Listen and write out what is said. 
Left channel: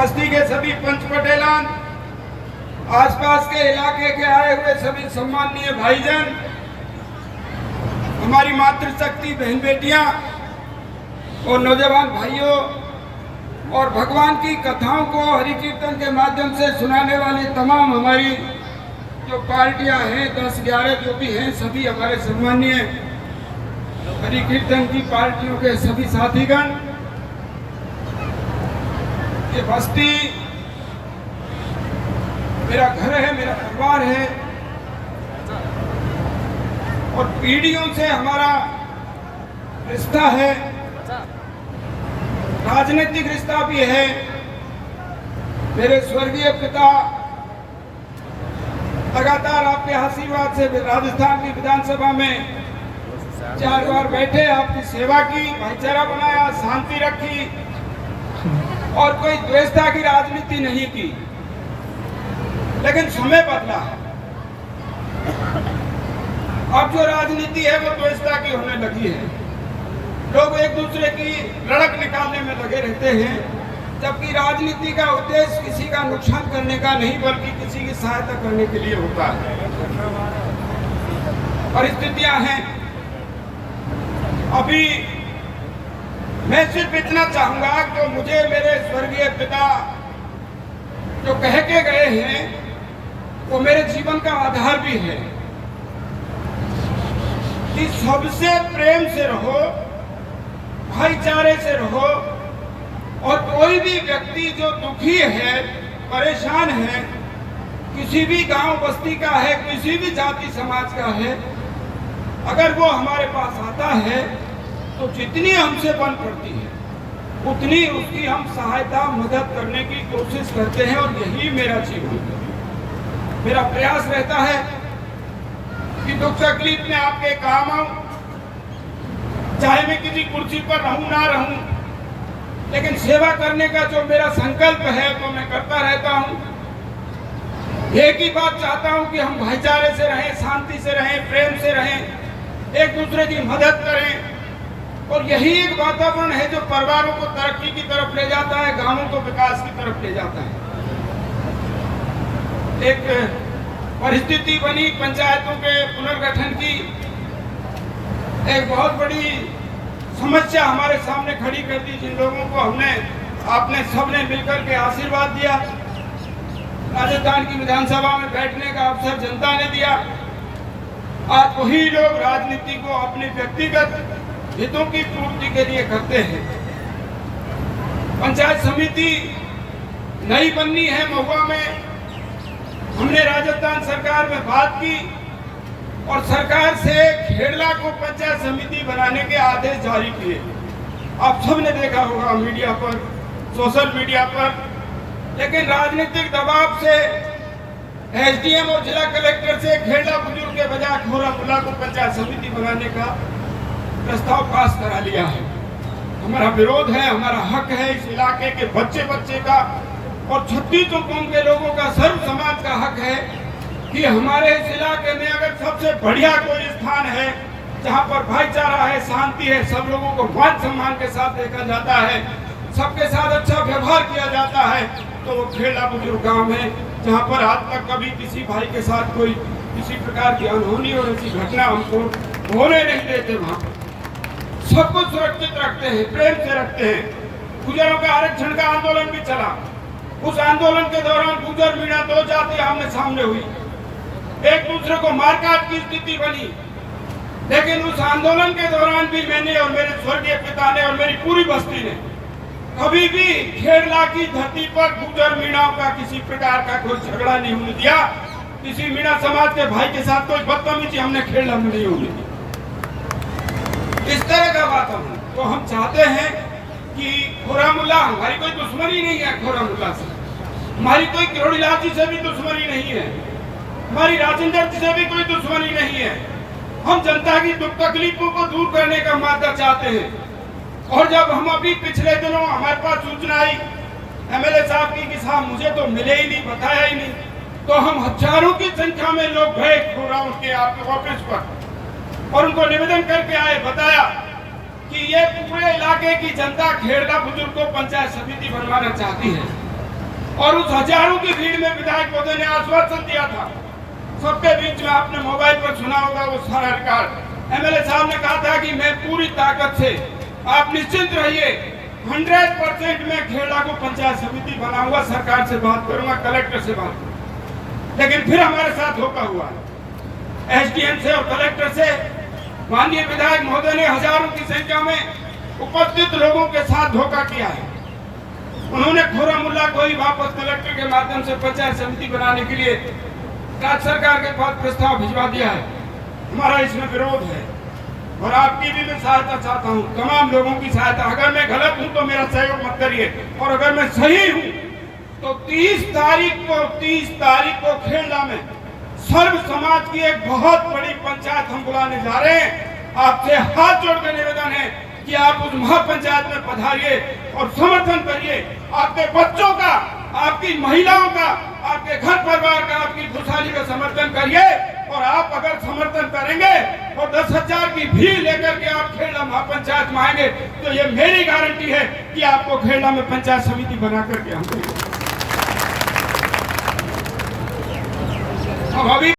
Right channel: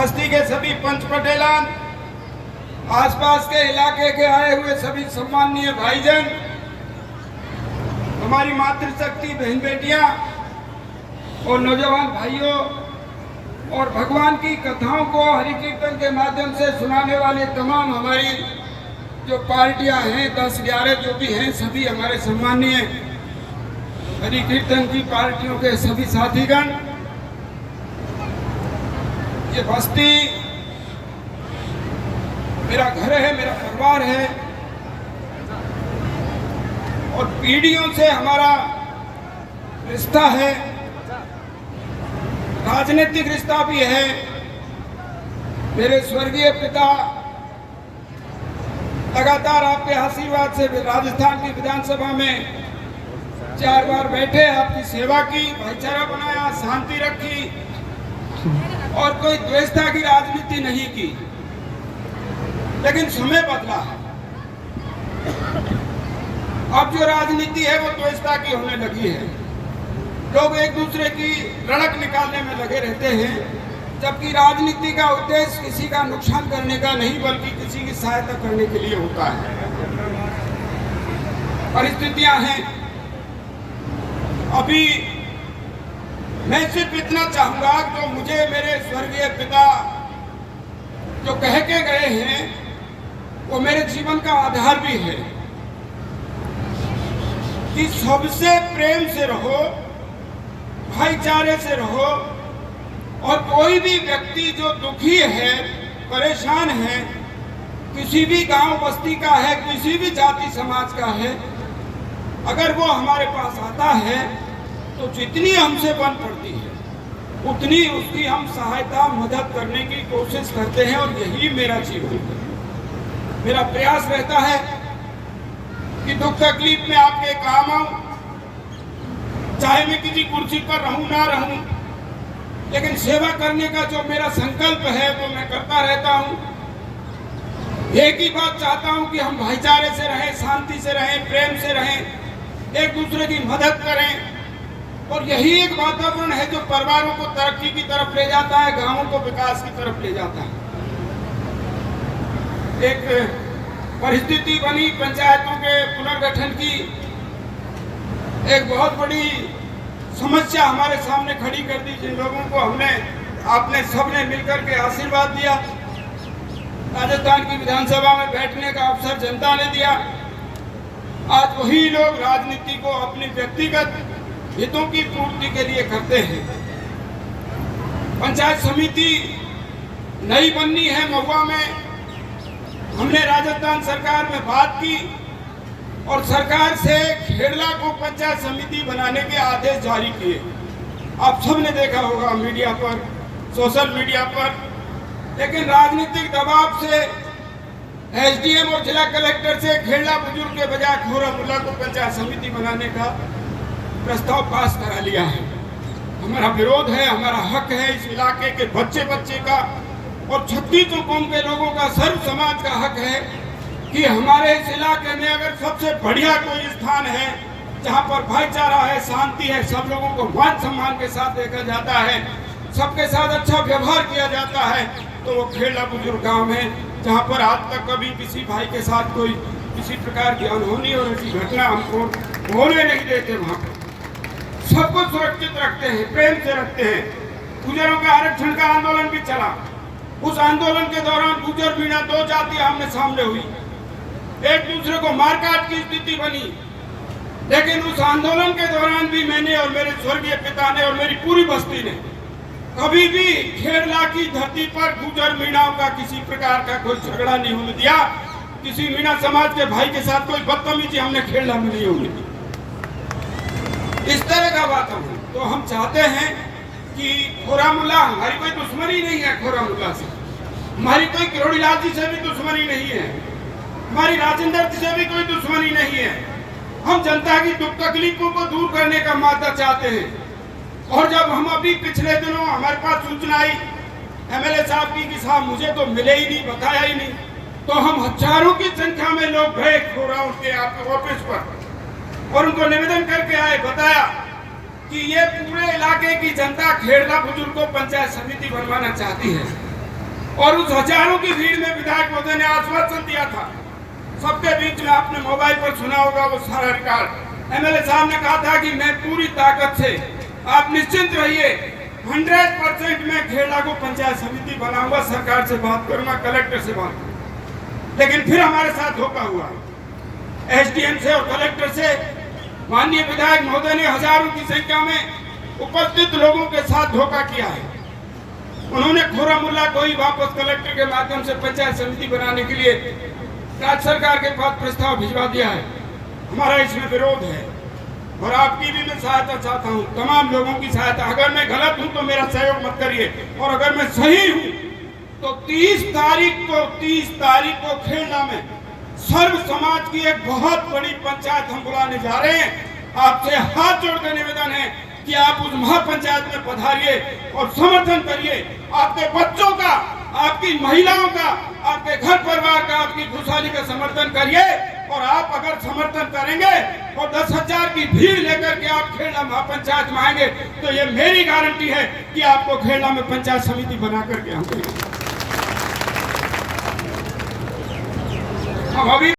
बस्ती के सभी पंच पटेलान, आसपास के इलाके के आए हुए सभी सम्माननीय भाईजान, हमारी मातृशक्ति बहन बेटियां और नौजवान भाइयों और भगवान की कथाओं को हरि कीर्तन के माध्यम से सुनाने वाले तमाम हमारी जो पार्टियां हैं 10-11 जो भी हैं, सभी हमारे सम्माननीय हरि कीर्तन की पार्टियों के सभी साथीगण, ये बस्ती मेरा घर है, मेरा परिवार है और पीढ़ियों से हमारा रिश्ता है, राजनीतिक रिश्ता भी है। मेरे स्वर्गीय पिता लगातार आपके आशीर्वाद से राजस्थान की विधानसभा में 4 बार बैठे, आपकी सेवा की, भाईचारा बनाया, शांति रखी और कोई द्वेषता की राजनीति नहीं की। लेकिन समय बदला है, अब जो राजनीति है वो द्वेषता की होने लगी है। लोग एक दूसरे की लड़क निकालने में लगे रहते हैं, जबकि राजनीति का उद्देश्य किसी का नुकसान करने का नहीं बल्कि किसी की सहायता करने के लिए होता है। परिस्थितियां हैं, अभी मैं सिर्फ इतना चाहूंगा कि मुझे मेरे स्वर्गीय पिता जो कह के गए हैं वो मेरे जीवन का आधार भी है कि सबसे प्रेम से रहो, भाईचारे से रहो और कोई भी व्यक्ति जो दुखी है, परेशान है, किसी भी गांव बस्ती का है, किसी भी जाति समाज का है, अगर वो हमारे पास आता है तो जितनी हमसे बन पड़ती है उतनी उसकी हम सहायता मदद करने की कोशिश करते हैं और यही मेरा जीवन है। मेरा प्रयास रहता है कि दुख तकलीफ में आपके काम आऊं, चाहे मैं किसी कुर्सी पर रहूं ना रहूं, लेकिन सेवा करने का जो मेरा संकल्प है वो मैं करता रहता हूं। एक ही बात चाहता हूं कि हम भाईचारे से रहें, शांति से रहें, प्रेम से रहें, एक दूसरे की मदद करें और यही एक वातावरण है जो परिवारों को तरक्की की तरफ ले जाता है, गांवों को विकास की तरफ ले जाता है। एक परिस्थिति बनी पंचायतों के पुनर्गठन की, एक बहुत बड़ी समस्या हमारे सामने खड़ी कर दी, जिन लोगों को आपने सबने मिलकर के आशीर्वाद दिया, राजस्थान की विधानसभा में बैठने का अवसर जनता ने दिया। आज वही लोग राजनीति को अपनी व्यक्तिगत हितों की पूर्ति के लिए करते हैं। पंचायत समिति नई बननी है महुआ में, हमने राजस्थान सरकार में बात की और सरकार से खेड़ला को पंचायत समिति बनाने के आदेश जारी किए। आप सबने देखा होगा मीडिया पर, सोशल मीडिया पर, लेकिन राजनीतिक दबाव से एसडीएम और जिला कलेक्टर से खेड़ला बुजुर्ग के बजाय खोरामुल्ला को पंचायत समिति बनाने का प्रस्ताव पास करा लिया है। हमारा विरोध है, हमारा हक है, इस इलाके के बच्चे का और 36 कौम के लोगों का, सर्व समाज का हक है कि हमारे इस इलाके में अगर सबसे बढ़िया कोई स्थान है जहां पर भाईचारा है, शांति है, सब लोगों को मान सम्मान के साथ देखा जाता है, सबके साथ अच्छा व्यवहार किया जाता है, तो वो खेड़ा बुजुर्ग गांव है, जहां पर आज तक कभी किसी भाई के साथ कोई किसी प्रकार की अनहोनी और ऐसी घटना हमको होने नहीं देते। वहां पर सबको सुरक्षित रखते हैं, प्रेम से रखते हैं। गुजरों का आरक्षण का आंदोलन भी चला, उस आंदोलन के दौरान गुजर मीणा 2 जाति आमने सामने हुई, एक दूसरे को मारकाट की स्थिति बनी, लेकिन उस आंदोलन के दौरान भी मैंने और मेरे स्वर्गीय पिता ने और मेरी पूरी बस्ती ने कभी भी खेड़ला की धरती पर गुजर मीणाओं का किसी प्रकार का कोई झगड़ा नहीं होने दिया। किसी मीणा समाज के भाई के साथ कोई बदतमीजी हमने खेड़ला में नहीं होने दी। इस तरह का वातावरण तो हम चाहते हैं कि खोरामुल्ला, हमारी कोई दुश्मनी नहीं है खोरामुल्ला से, हमारी कोई किरोड़ीलाल जी से भी दुश्मनी नहीं है, हमारी राजेंद्र जी से भी कोई दुश्मनी नहीं है। हम जनता की दुख तकलीफों को दूर करने का मादा चाहते हैं। और जब हम अभी पिछले दिनों हमारे पास सूचना आई एमएलए साहब की कि साहब मुझे तो मिले ही नहीं, बताया ही नहीं, तो हम हजारों की संख्या में लोग गए खोरा उनके आपके ऑफिस पर और उनको निवेदन करके आए, बताया कि ये पूरे इलाके की जनता खेड़ला बुजुर्ग को पंचायत समिति बनवाना चाहती है। और उस हजारों की भीड़ में विधायक महोदय ने आश्वासन दिया था, सबके बीच में आपने मोबाइल पर सुना होगा वो सारा रिकॉर्ड। एमएलए साहब ने कहा था कि मैं पूरी ताकत से, आप निश्चिंत रहिए, 100% मैं खेड़ा को पंचायत समिति बनाऊंगा, सरकार से बात करूंगा, कलेक्टर से बात करूंगा। लेकिन फिर हमारे साथ धोखा हुआ, एसडीएम से और कलेक्टर से। माननीय विधायक महोदय ने हजारों की संख्या में उपस्थित लोगों के साथ धोखा किया है। उन्होंने खुर्रमुल्लाह को ही वापस कलेक्टर के माध्यम से पंचायत समिति बनाने के लिए राज्य सरकार के पास प्रस्ताव भिजवा दिया है। हमारा इसमें विरोध है और आपकी भी मैं सहायता चाहता हूँ, तमाम लोगों की सहायता। अगर मैं गलत हूँ तो मेरा सहयोग मत करिए, और अगर मैं सही हूँ तो 30 तारीख को खेड़ा में सर्व समाज की एक बहुत बड़ी पंचायत हम बुलाने जा रहे हैं। आपसे हाथ जोड़कर निवेदन है कि आप उस महापंचायत में पधारिए और समर्थन करिए। आपके बच्चों का, आपकी महिलाओं का, आपके घर परिवार का, आपकी खुशहाली का समर्थन करिए। और आप अगर समर्थन करेंगे और 10,000 की भीड़ लेकर के आप खेड़ा महापंचायत में आएंगे तो ये मेरी गारंटी है कि आपको खेड़ा में पंचायत समिति बना करके हम देंगे। अब अभी